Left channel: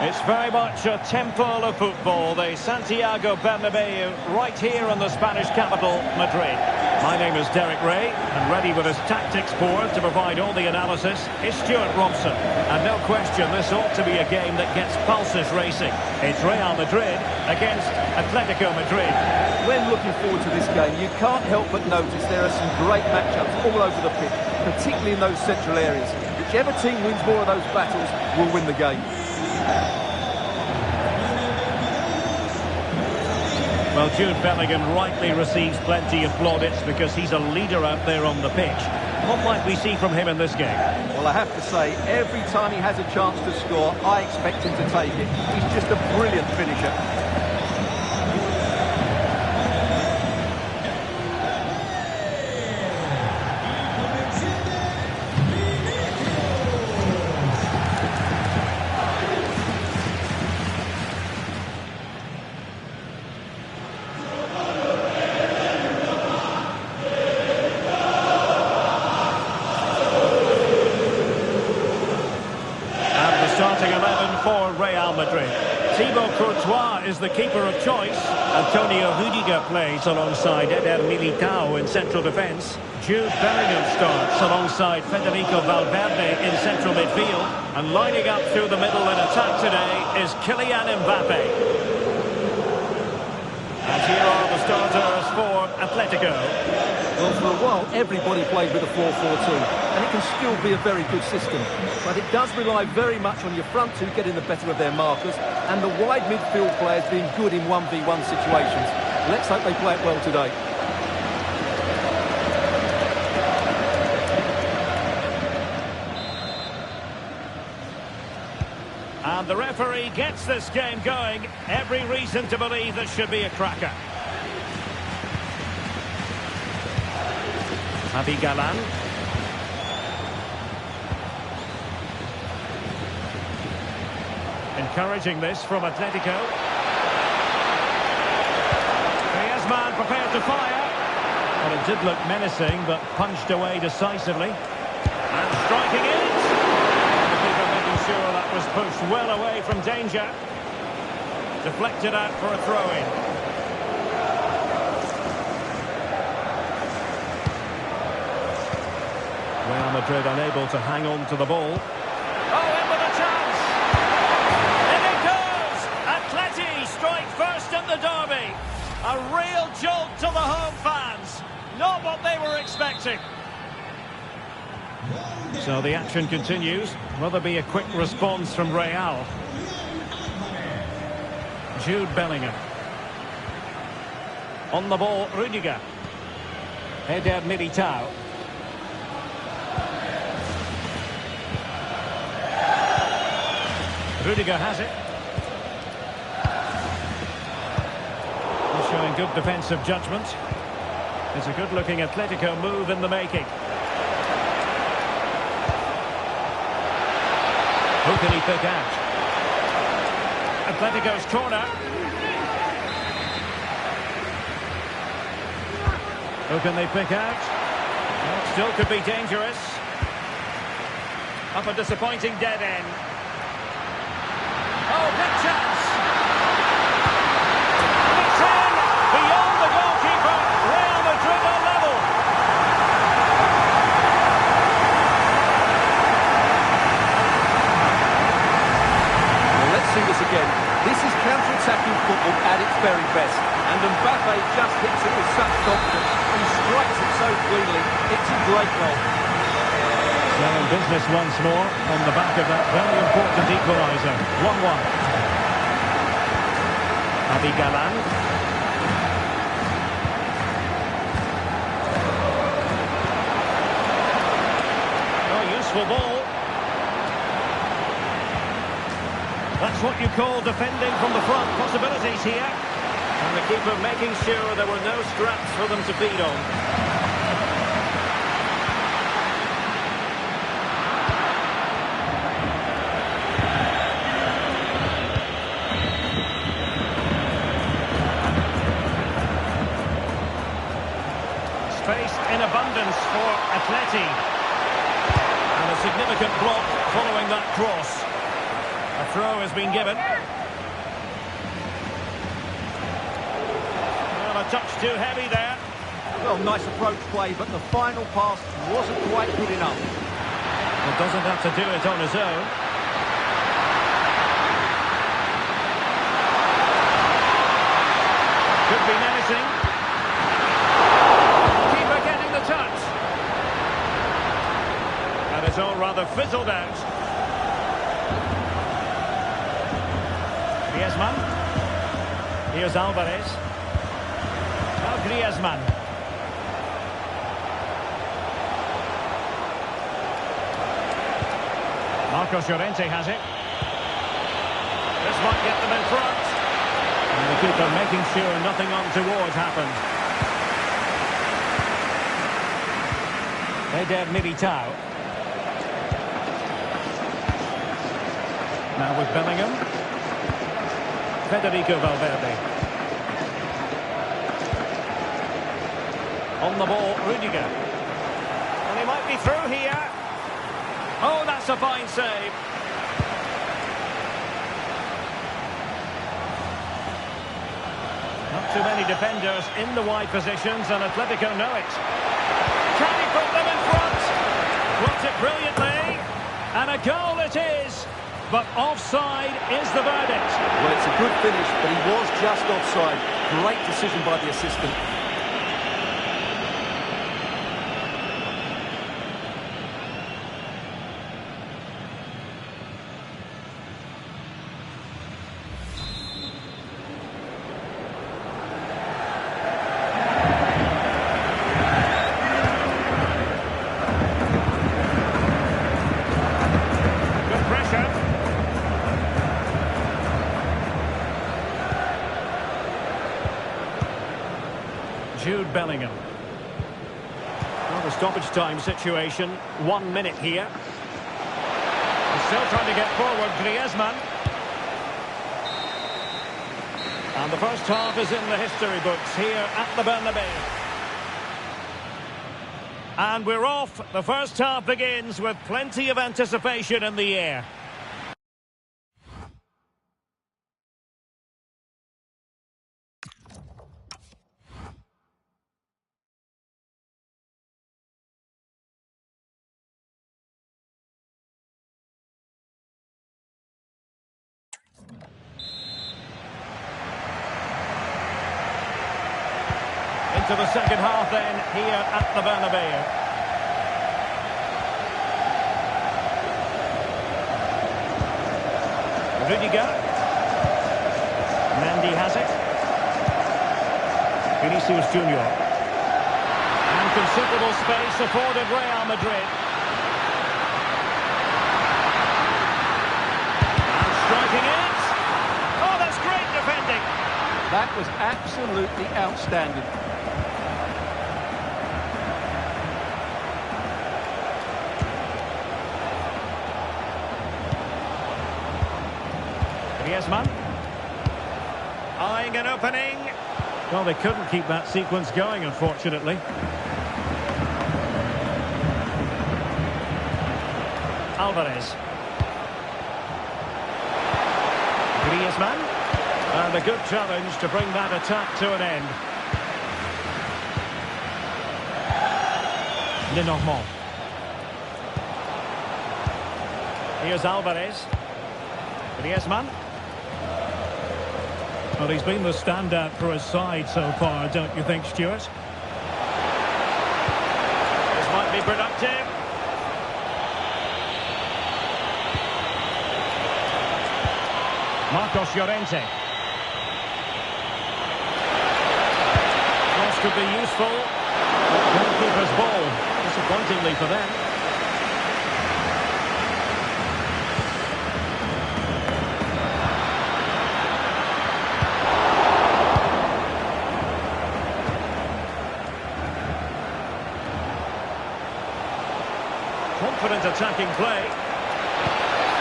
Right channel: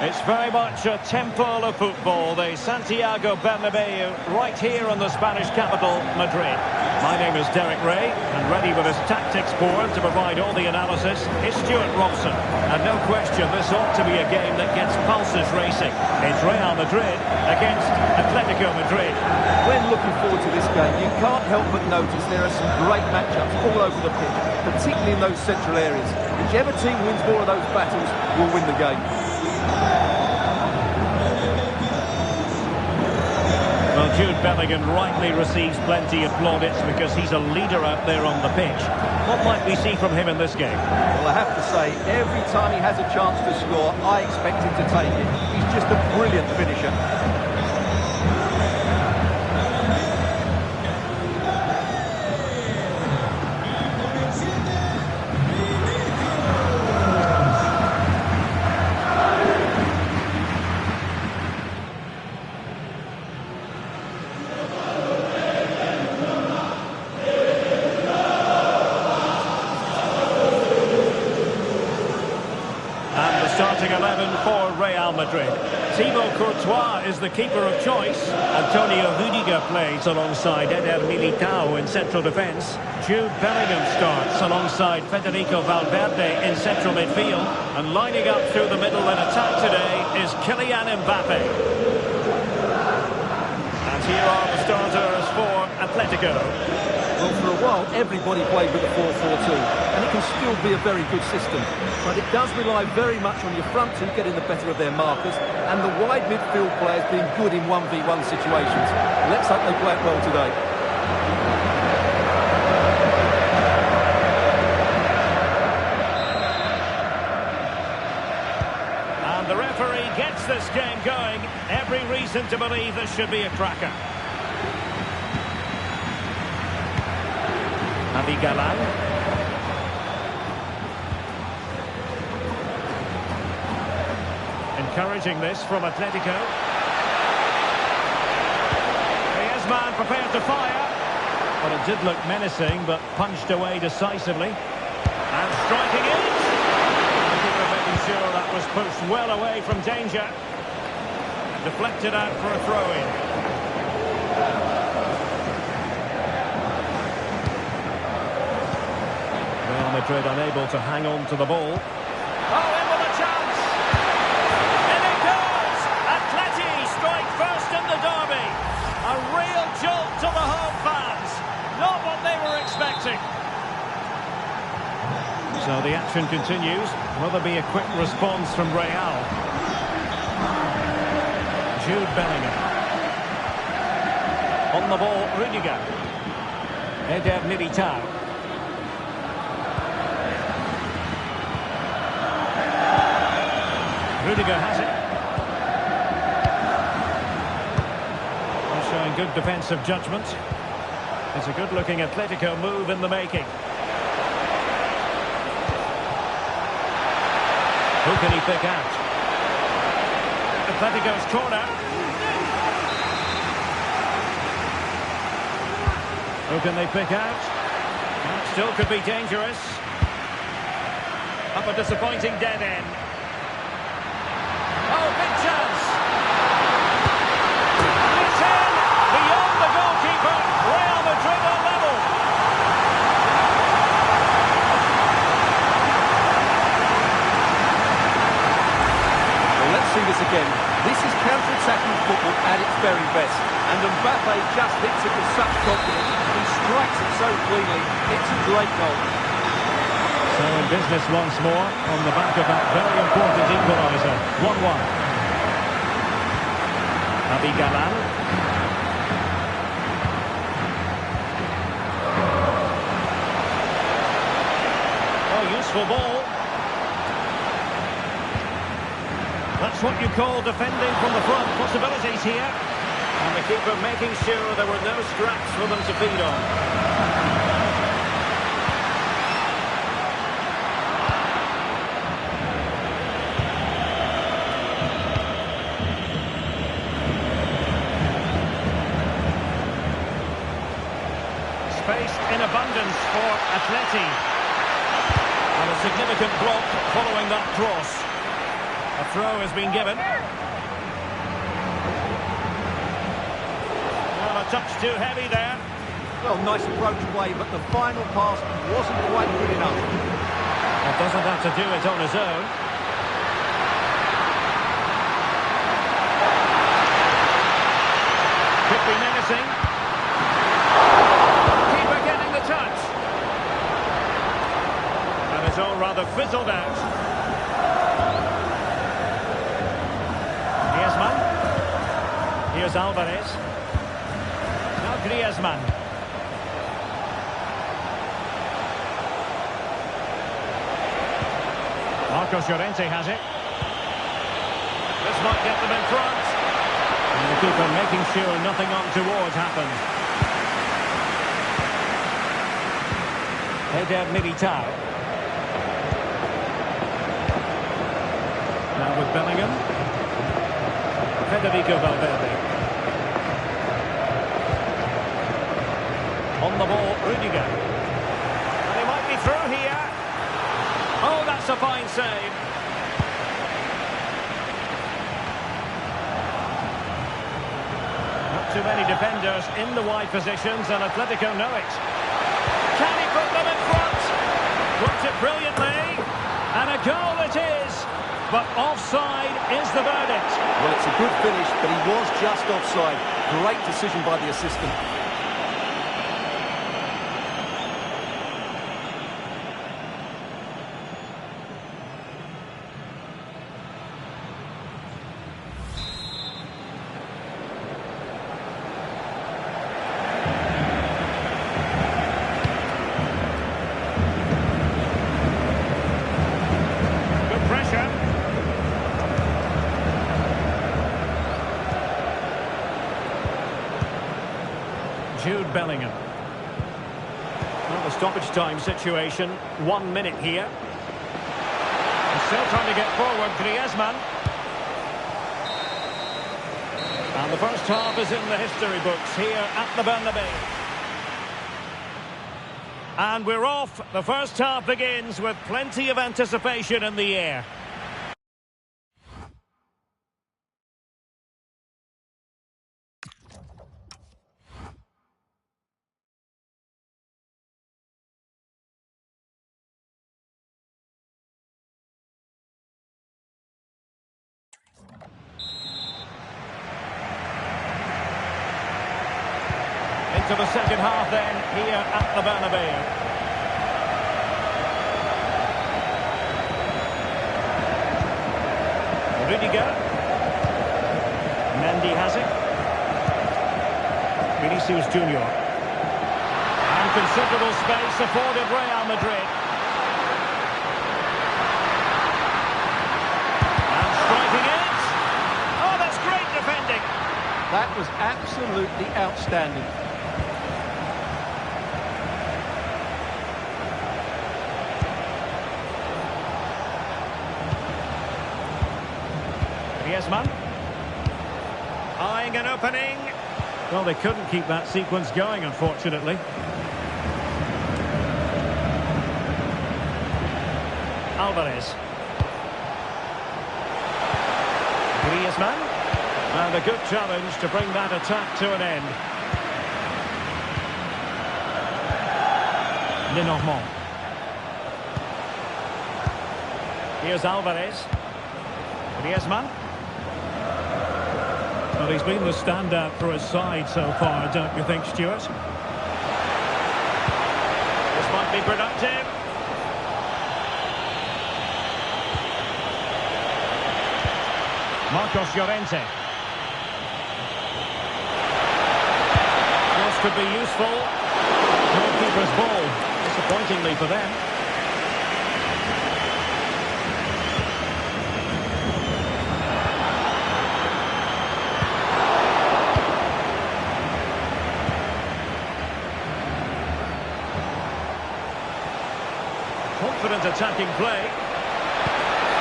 It's very much a temple of football, the Santiago Bernabeu, right here in the Spanish capital, Madrid. My name is Derek Ray, and ready with his tactics board to provide all the analysis is Stuart Robson. And no question, this ought to be a game that gets pulses racing. It's Real Madrid against Atletico Madrid. When looking forward to this game, you can't help but notice there are some great matchups all over the pitch, particularly in those central areas. Whichever team wins more of those battles will win the game. Well, Jude Bellingham rightly receives plenty of plaudits because he's a leader out there on the pitch. What might we see from him in this game? Well, I have to say, every time he has a chance to score, I expect him to take it. He's just a brilliant finisher. Starting 11 for Real Madrid. Thibaut Courtois is the keeper of choice. Antonio Rudiger plays alongside Eder Militao in central defence. Jude Bellingham starts alongside Federico Valverde in central midfield. And lining up through the middle in attack today is Kylian Mbappe. And here are the starters for Atletico. Well, for a while, everybody played with a 4-4-2, and it can still be a very good system. But it does rely very much on your front two getting the better of their markers, and the wide midfield players being good in 1v1 situations. Let's hope they play it well today. And the referee gets this game going. Every reason to believe this should be a cracker. Javi Galan. Encouraging this from Atletico. Griezmann prepared to fire. Well, it did look menacing, but punched away decisively. And striking it. And the keeper making sure that was pushed well away from danger. Deflected out for a throw-in. Real Madrid unable to hang on to the ball. Oh, in with a chance! In it goes! Atleti strike first in the derby. A real jolt to the home fans. Not what they were expecting. So the action continues. Will there be a quick response from Real? Jude Bellingham. On the ball, Rudiger. Eder Militao. Rudiger has it. He's showing good defensive judgment. It's a good-looking Atletico move in the making. Who can he pick out? Atletico's corner. Who can they pick out? Well, it still could be dangerous. Up a disappointing dead end. Oh, big chance. And it's in. Beyond the goalkeeper. Real Madrid are level. Well, let's see this again. This is counter-attacking football at its very best. And Mbappe just hits it with such confidence. He strikes it so cleanly. It's a great goal. So in business once more on the back of that very important equaliser. 1-1. Javi Galan. Oh, useful ball. That's what you call defending from the front. Possibilities here. And the keeper making sure there were no scraps for them to feed on. Space in abundance for Atleti. And a significant block following that cross. A throw has been given. Well, a touch too heavy there. Well, nice approach play, but the final pass wasn't quite good enough. Well, doesn't have to do it on his own. Could be menacing. Keeper getting the touch. And it's all rather fizzled out. Griezmann. Here's Alvarez. Now Griezmann. Marcos Llorente has it. This might get them in front. And the keeper making sure nothing untoward happened. Eder Militao. Now with Bellingham. Federico Valverde. On the ball, Rudiger. And he might be through here. Oh, that's a fine save. Not too many defenders in the wide positions, and Atletico know it. Can he put them in front? Blocked it brilliantly. And a goal it is. But offside is the verdict. Well, it's a good finish, but he was just offside. Great decision by the assistant. Good pressure. Jude Bellingham. Well, the stoppage time situation, 1 minute here. And still trying to get forward, Griezmann. And the first half is in the history books here at the Bernabeu. And we're off. The first half begins with plenty of anticipation in the air. Into the second half then, here at the Bernabeu. Rudiger. Mendy has it. Vinicius Junior. And considerable space afforded Real Madrid. And striking it. Oh, that's great defending. That was absolutely outstanding. Griezmann. Eyeing an opening. Well, they couldn't keep that sequence going, unfortunately. Alvarez. Griezmann. And a good challenge to bring that attack to an end. Lenormand. Here's Alvarez. Griezmann. Well, he's been the standout for his side so far, don't you think, Stuart? This might be productive. Marcos Llorente. Cross could be useful. Goalkeeper's ball, disappointingly for them. Confident attacking play.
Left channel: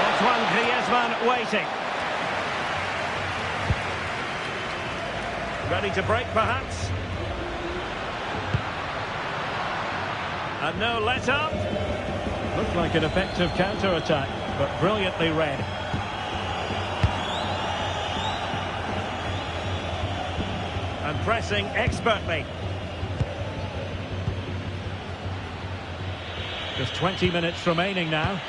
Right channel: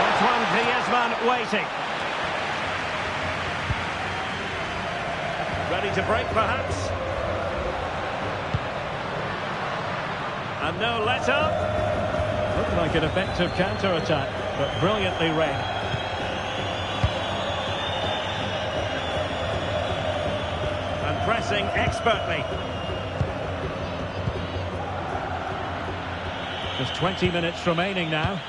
Antoine Griezmann waiting. Ready to break, perhaps. And no let-up. Looked like an effective counter-attack, but brilliantly read. and pressing expertly. Just 20 minutes remaining now.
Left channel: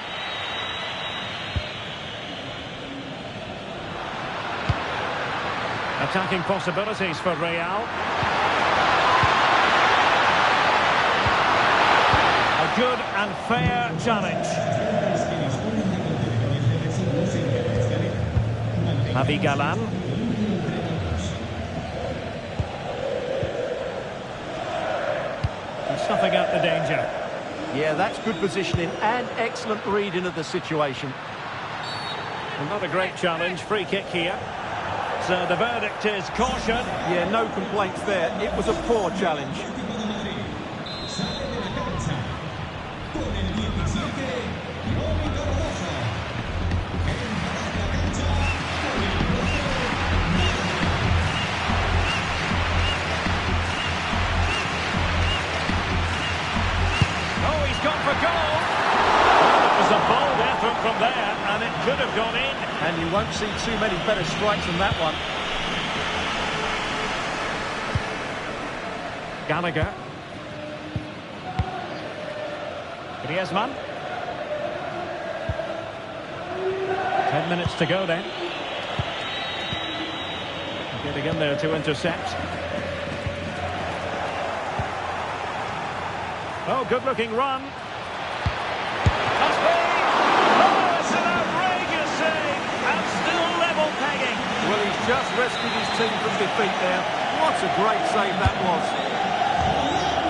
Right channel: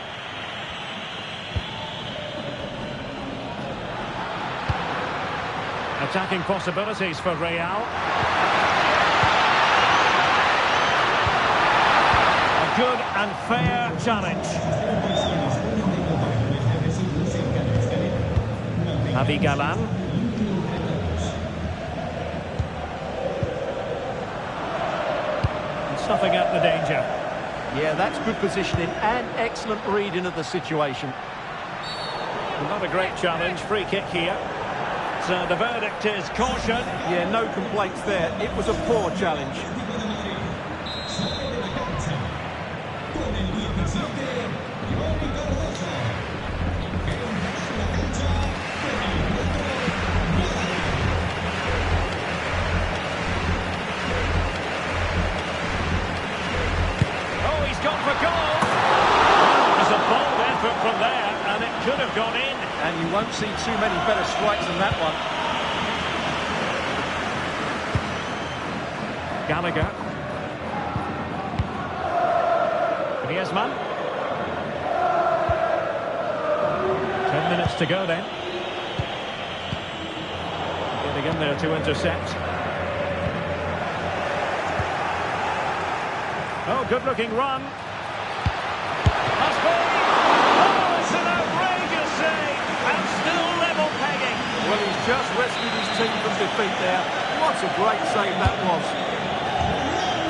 Attacking possibilities for Real. A good and fair challenge. Javi Galan. And snuffing out the danger. Yeah, that's good positioning and excellent reading of the situation. And not a great challenge. Free kick here. So the verdict is caution. Yeah, no complaints there. It was a poor challenge. Oh, he's gone for goal. Well, it was a bold effort from there, and it could have gone in. And you won't see too many better strikes than that one. Gallagher. Griezmann. 10 minutes to go then. Getting in there to intercept. Oh, good-looking run. Must be. Oh, it's an outrageous save. And still level pegging. Well, he's just rescued his team from defeat there. What a great save that was.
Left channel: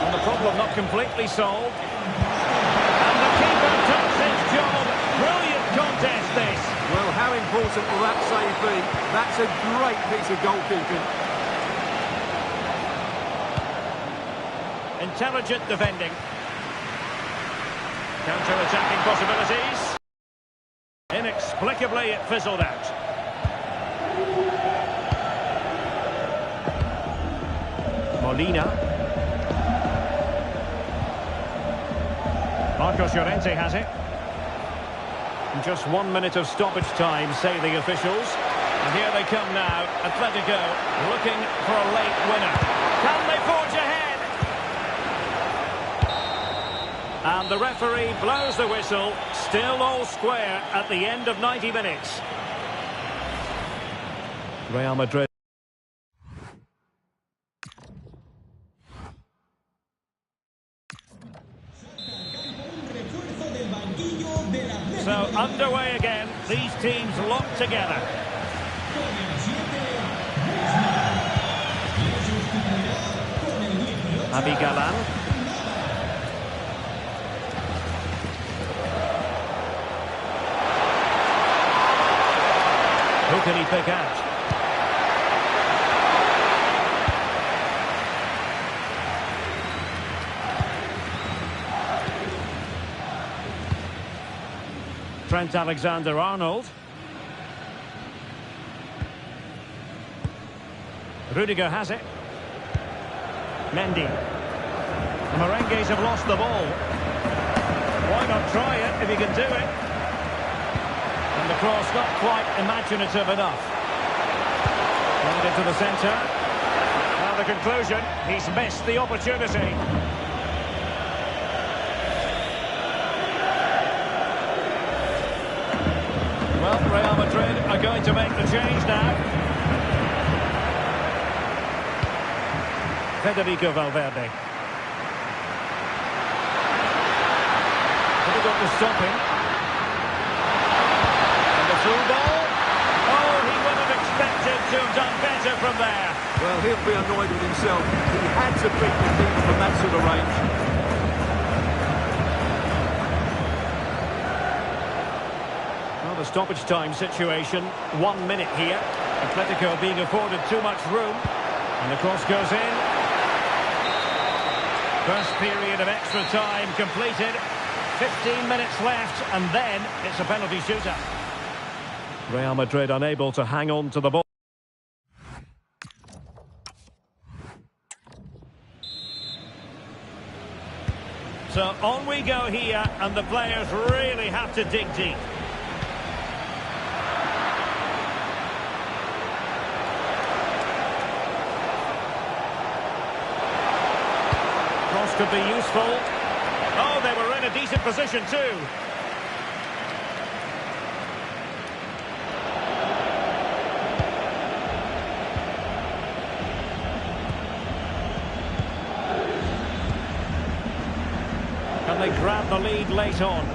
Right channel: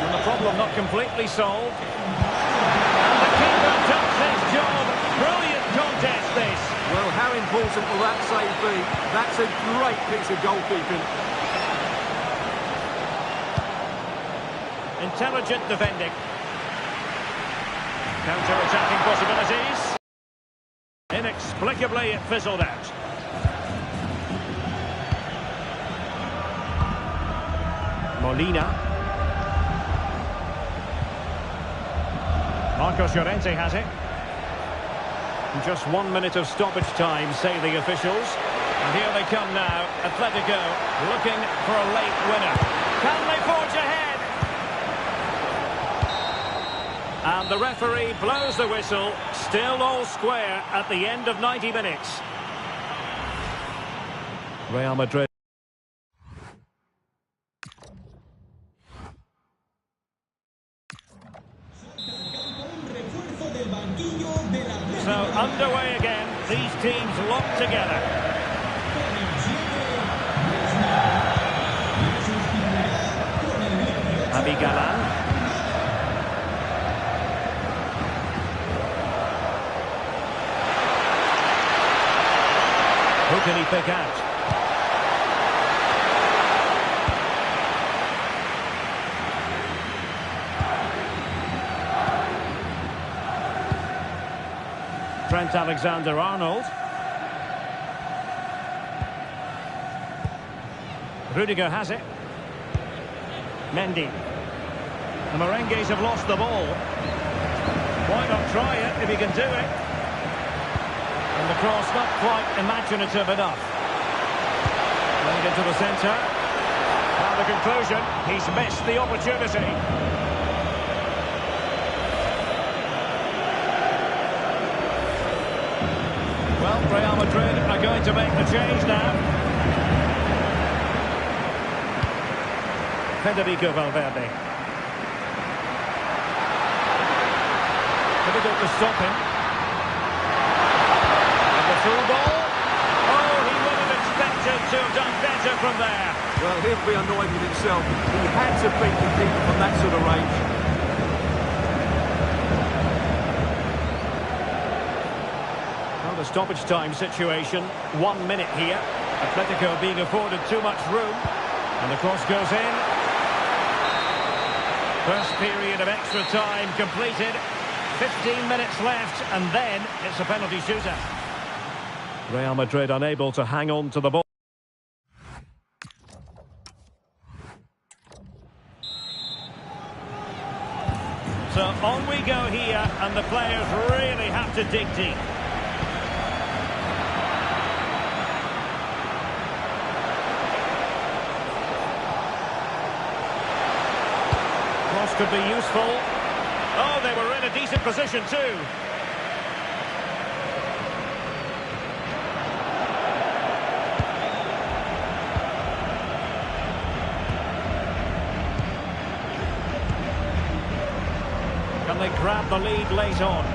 And the problem not completely solved. And the keeper does his job. Brilliant contest, this. Well, how important will that save be? That's a great piece of goalkeeping. Intelligent defending. Counter-attacking possibilities. Inexplicably, it fizzled out. Molina. Marcos Llorente has it. Just 1 minute of stoppage time, say the officials. And here they come now. Atletico looking for a late winner. Can they forge ahead? And the referee blows the whistle. Still all square at the end of 90 minutes. Real Madrid. So underway again, these teams locked together. Javi Galan. Who can he pick out? Trent Alexander-Arnold. Rudiger has it. Mendy. The Merengues have lost the ball. Why not try it if he can do it? And the cross not quite imaginative enough. Played into the centre. Well, the conclusion, he's missed the opportunity. Well, Real Madrid are going to make the change now. Federico Valverde. Difficult to stop him. And the through ball. Oh, he would have expected to have done better from there. Well, he'll be annoyed with himself. He had to beat the keeper from that sort of range. Well, the stoppage time situation, 1 minute here. Atletico being afforded too much room. And the cross goes in. First period of extra time completed. 15 minutes left, and then it's a penalty shootout. Real Madrid unable to hang on to the ball. So on we go here, and the players really have to dig deep. This could be useful. Oh, they were in a decent position too. Can they grab the lead late on?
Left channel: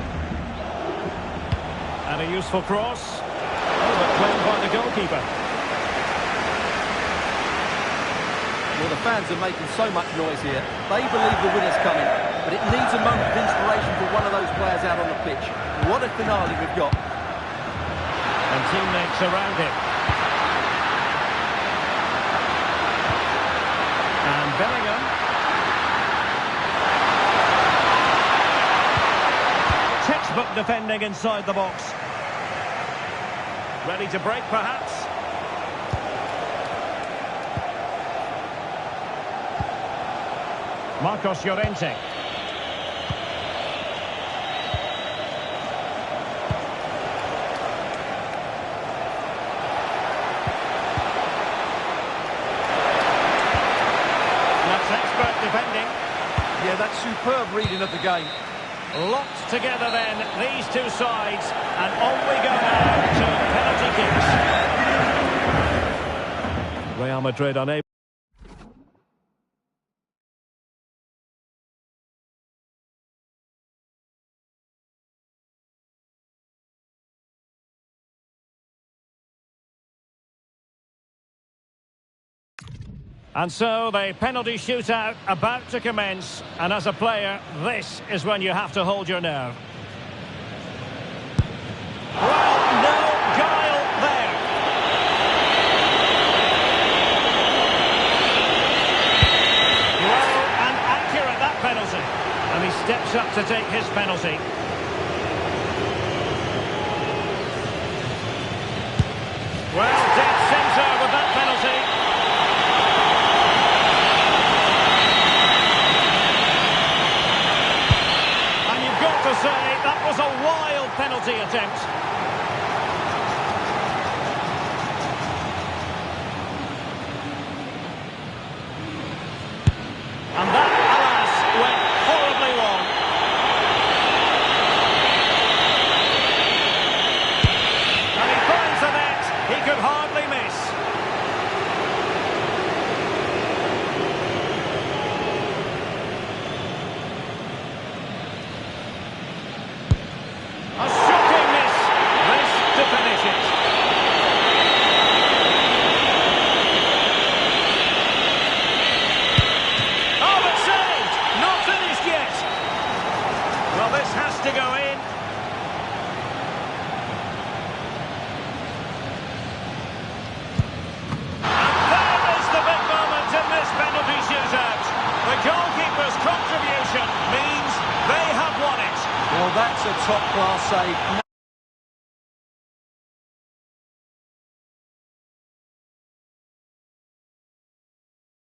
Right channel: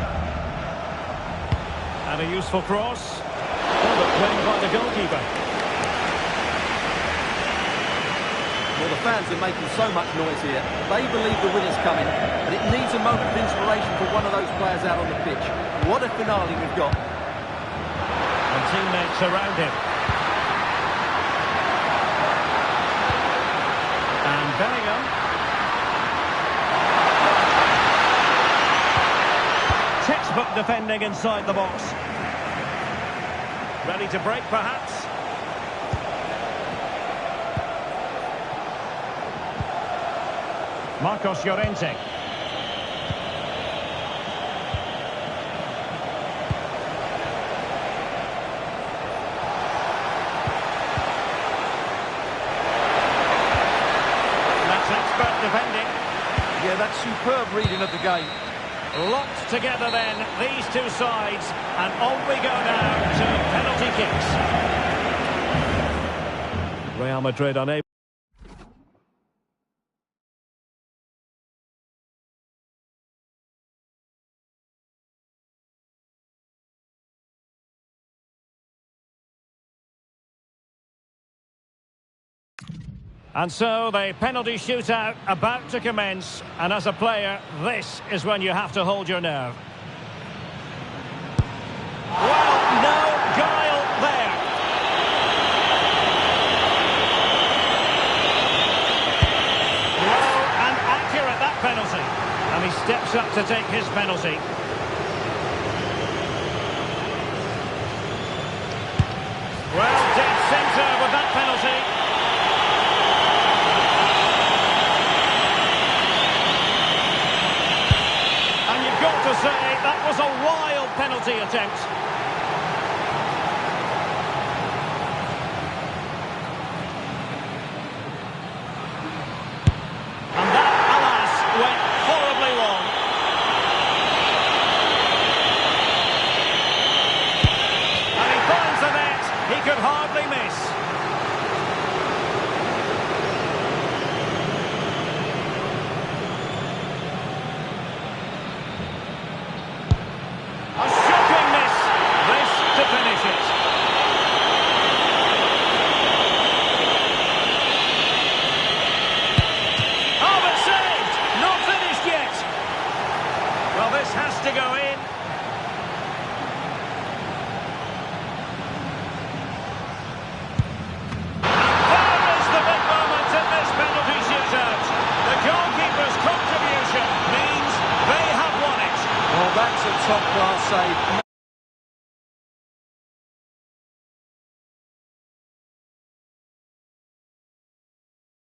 And a useful cross. Oh, but claimed by the goalkeeper. Well, the fans are making so much noise here. They believe the winner's coming, but it needs a moment of inspiration for one of those players out on the pitch. What a finale we've got. And teammates around him. And Bellingham. Textbook defending inside the box. Ready to break, perhaps? Marcos Llorente. That's expert defending. Yeah, that's superb reading of the game. Locked together then, these two sides, and on we go now to penalty kicks. Real Madrid unable. And so the penalty shootout about to commence, and as a player, this is when you have to hold your nerve. Well, no guile there. Low and accurate, that penalty. And he steps up to take his penalty. Well, dead centre with that penalty. And you've got to say, that was a wild penalty attempt. And that, alas, went horribly wrong. And he finds the net. He could hardly miss. A shocking miss. This to finish it. Oh, but saved. Not finished yet. Well, this has to go in. And there is the big moment in this penalty shootout. The goalkeeper's contribution means they have won it. Well, that's a top-class save.